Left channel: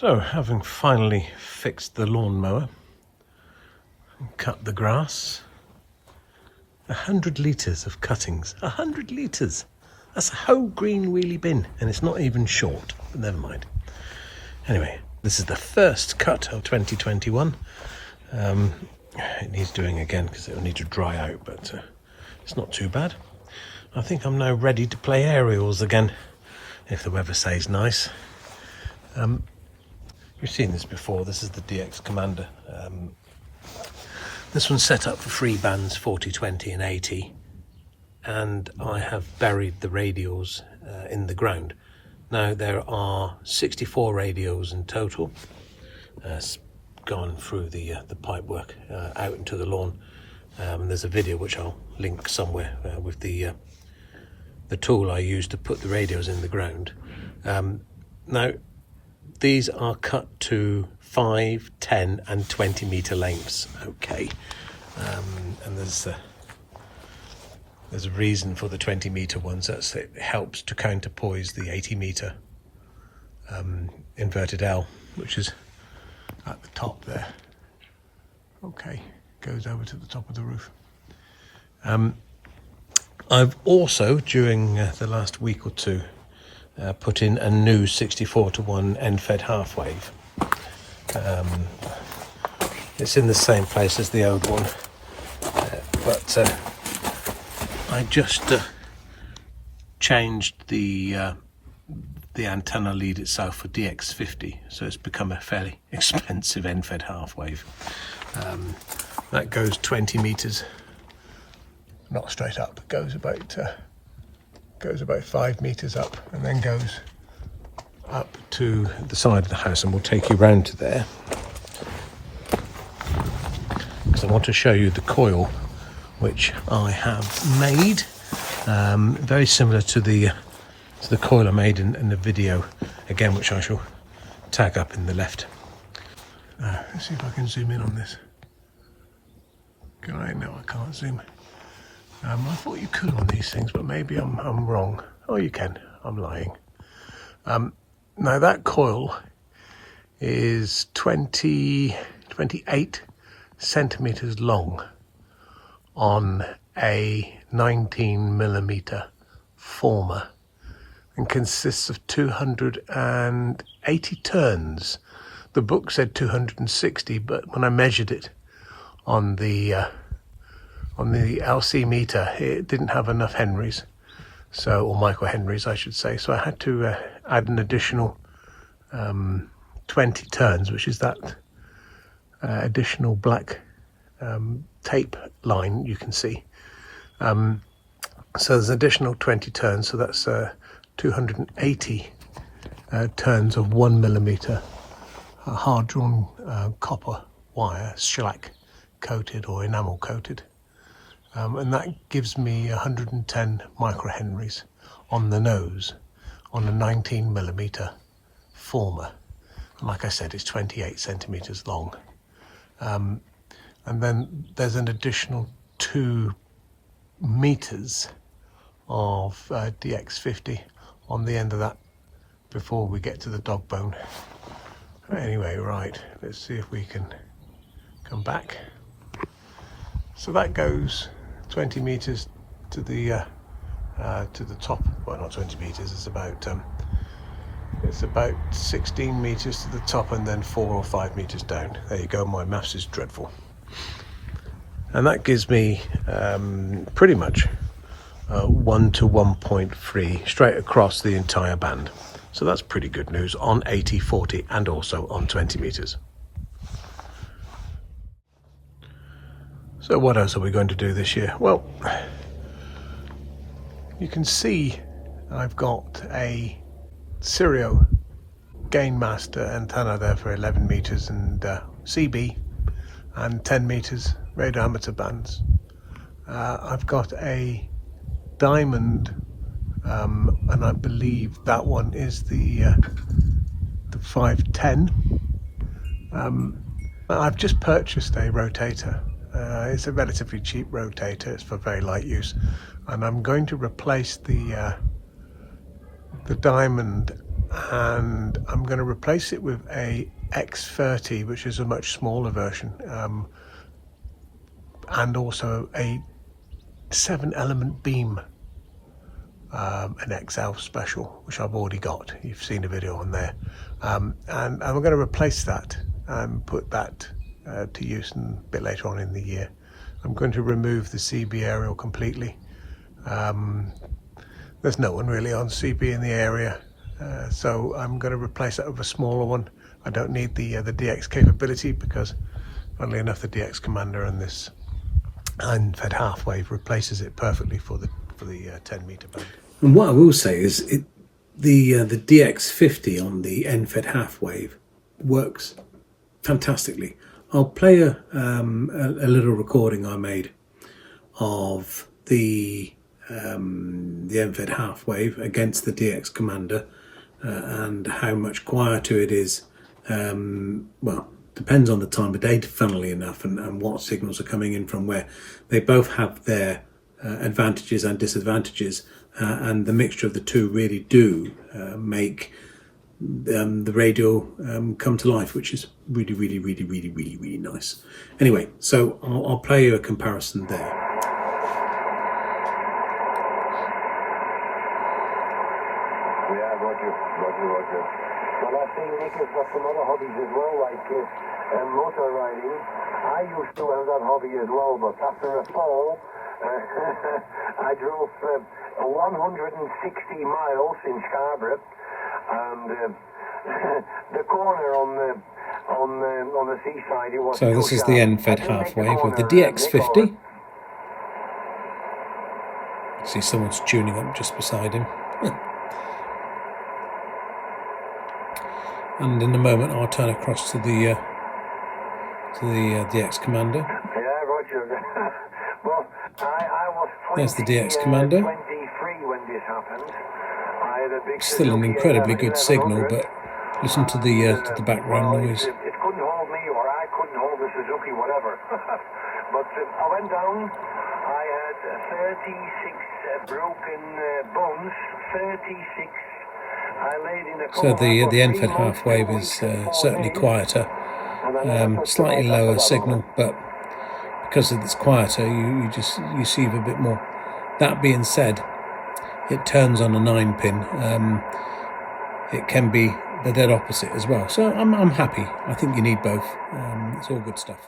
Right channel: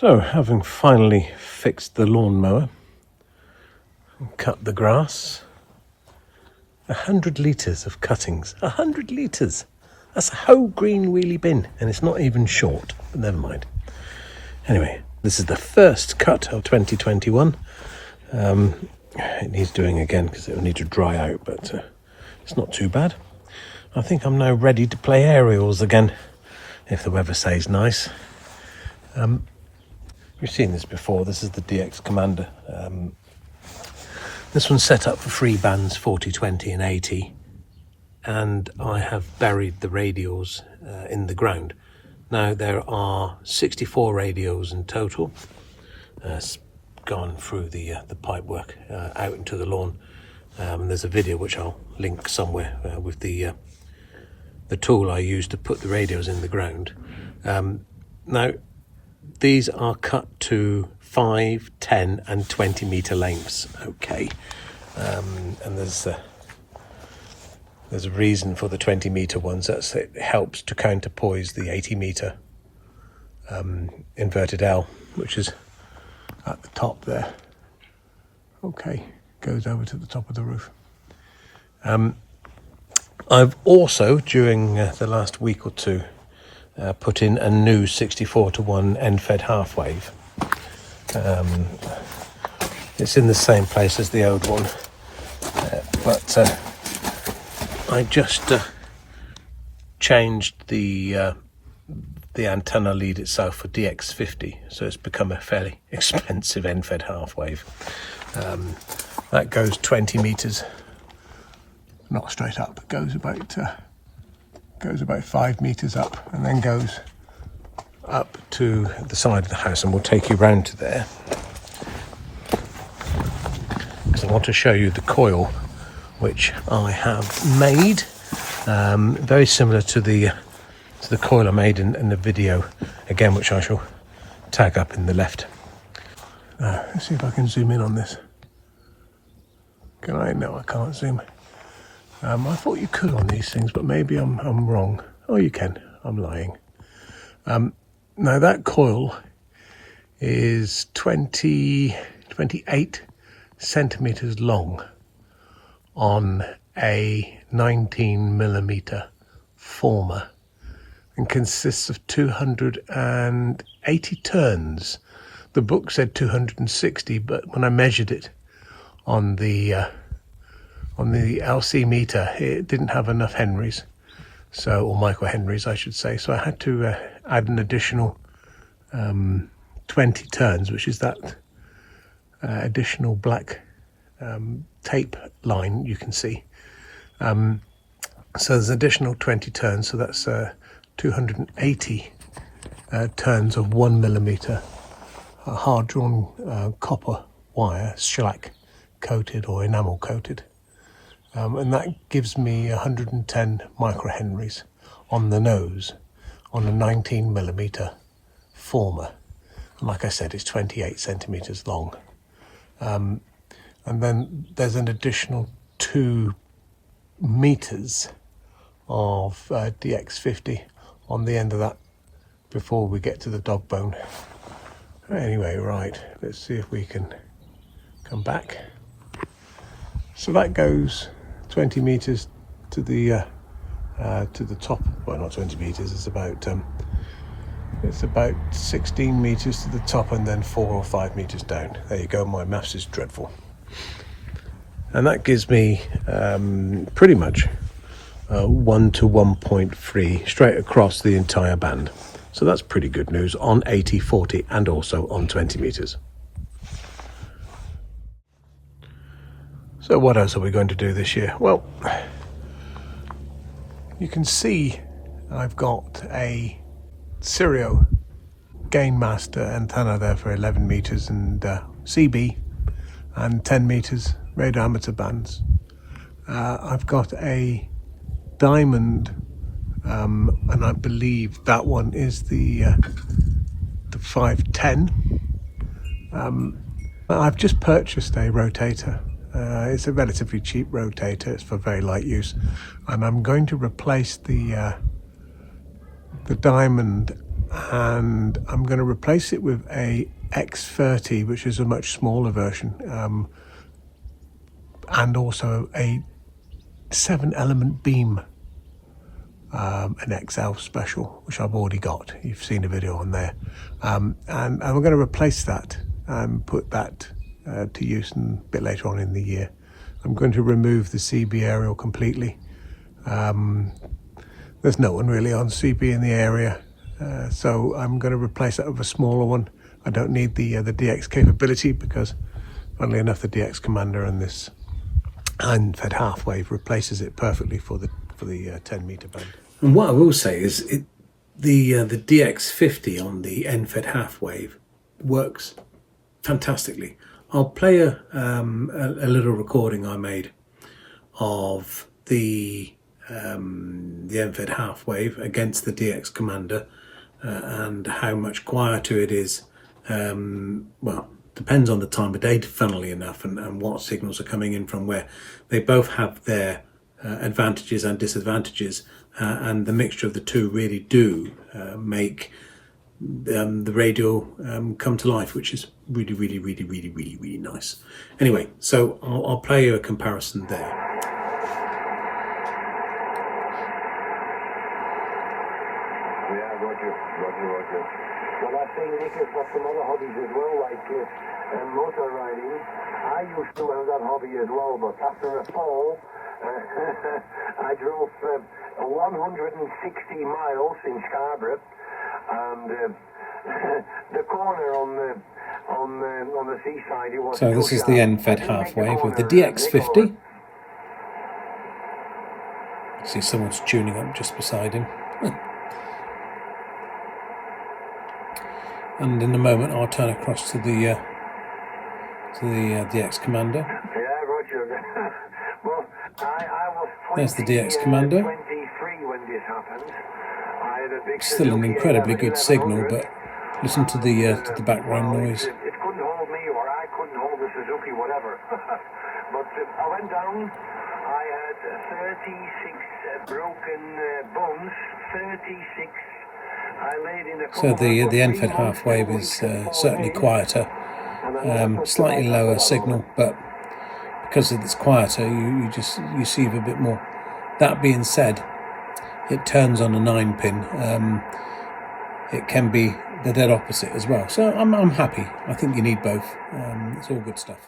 So, having finally fixed the lawnmower and cut the grass, 100 litres of cuttings. 100 litres! That's a whole green wheelie bin, and it's not even short, but never mind. Anyway, this is the first cut of 2021. It needs doing again because it'll need to dry out, but it's not too bad. I think I'm now ready to play aerials again, if the weather stays nice. You've seen this before. This is the DX Commander. This one's set up for free bands 40, 20 and 80. And I have buried the radials in the ground. Now there are 64 radials in total. Gone through the pipe work out into the lawn. There's a video which I'll link somewhere with the tool I used to put the radials in the ground. Now these are cut to 5, 10 and 20 metre lengths. Okay, and there's a reason for the 20 metre ones. It helps to counterpoise the 80 metre inverted L, which is at the top there. Okay, goes over to the top of the roof. I've also, during the last week or two, put in a new 64:1 end-fed half wave. It's in the same place as the old one, but I just changed the antenna lead itself for DX50, so it's become a fairly expensive end-fed half wave. That goes 20 metres, not straight up. It goes about 5 metres up, and then goes up to the side of the house, and we'll take you round to there because I want to show you the coil which I have made, very similar to the coil I made in the video, again, which I shall tag up in the left. Let's see if I can zoom in on this. Can I? No, I can't zoom. I thought you could on these things, but maybe I'm wrong. Oh, you can. I'm lying. Now that coil is 28 centimetres long on a 19mm former, and consists of 280 turns. The book said 260, but when I measured it on the LC meter, it didn't have enough Henrys, or micro Henrys, I should say. So I had to add an additional 20 turns, which is that additional black tape line you can see. So there's an additional 20 turns, so that's 280 turns of 1mm hard drawn copper wire, shellac coated or enamel coated, and that gives me 110 microhenries on the nose on a 19mm former. And like I said, it's 28 centimetres long, and then there's an additional 2 meters of DX50 on the end of that before we get to the dog bone. Anyway, right, let's see if we can come back. So that goes 20 meters to the top. Well, not 20 meters. It's about 16 meters to the top, and then 4 or 5 meters down. There you go. My maths is dreadful. And that gives me pretty much 1 to 1.3 straight across the entire band. So that's pretty good news on 80, 40 and also on 20 meters. So what else are we going to do this year? Well, you can see I've got a Stereo Gainmaster antenna there for 11 meters and CB, and 10 meters radio amateur bands. I've got a diamond, and I believe that one is the 510. I've just purchased a rotator. It's a relatively cheap rotator. It's for very light use, and I'm going to replace the diamond and I'm going to replace it with a X30, which is a much smaller version, and also a 7-element beam, an XL special, which I've already got. You've seen a video on there, and I'm going to replace that and put that to use a bit later on in the year. I'm going to remove the CB aerial completely. There's no one really on CB in the area, so I'm going to replace that with a smaller one. I don't need the DX capability because, funnily enough, the DX Commander and this hand-fed half wave replaces it perfectly for the 10-meter band. And what I will say is the DX50 on the end-fed half wave works fantastically. I'll play a little recording I made of the end-fed half wave against the DX Commander, and how much quieter it is. Well, depends on the time of day, funnily enough, and what signals are coming in from where. They both have their advantages and disadvantages, and the mixture of the two really do make the radial come to life, which is really nice. Anyway, so I'll play you a comparison there. Roger. Well, I think Nick has got some other hobbies as well, like motor riding. I used to have that hobby as well, but after a fall, I drove 160 miles in Scarborough, and the corner on the seaside, it was. So this is the end-fed half wave with the DX50. See someone's tuning up just beside him. And in a moment, I'll turn across to the DX Commander. Yeah, Roger. Well, I was 20, there's the DX Commander. 23 when this happened. I had a big Still an incredibly good signal, but listen to the background noise. It couldn't hold me, or I couldn't hold the Suzuki, whatever. But I went down. I had 36 broken bones. 36. So the end-fed half wave is certainly quieter, slightly lower signal, but because it's quieter, you see a bit more. That being said, it turns on a 9-pin. It can be the dead opposite as well. So I'm happy. I think you need both. It's all good stuff.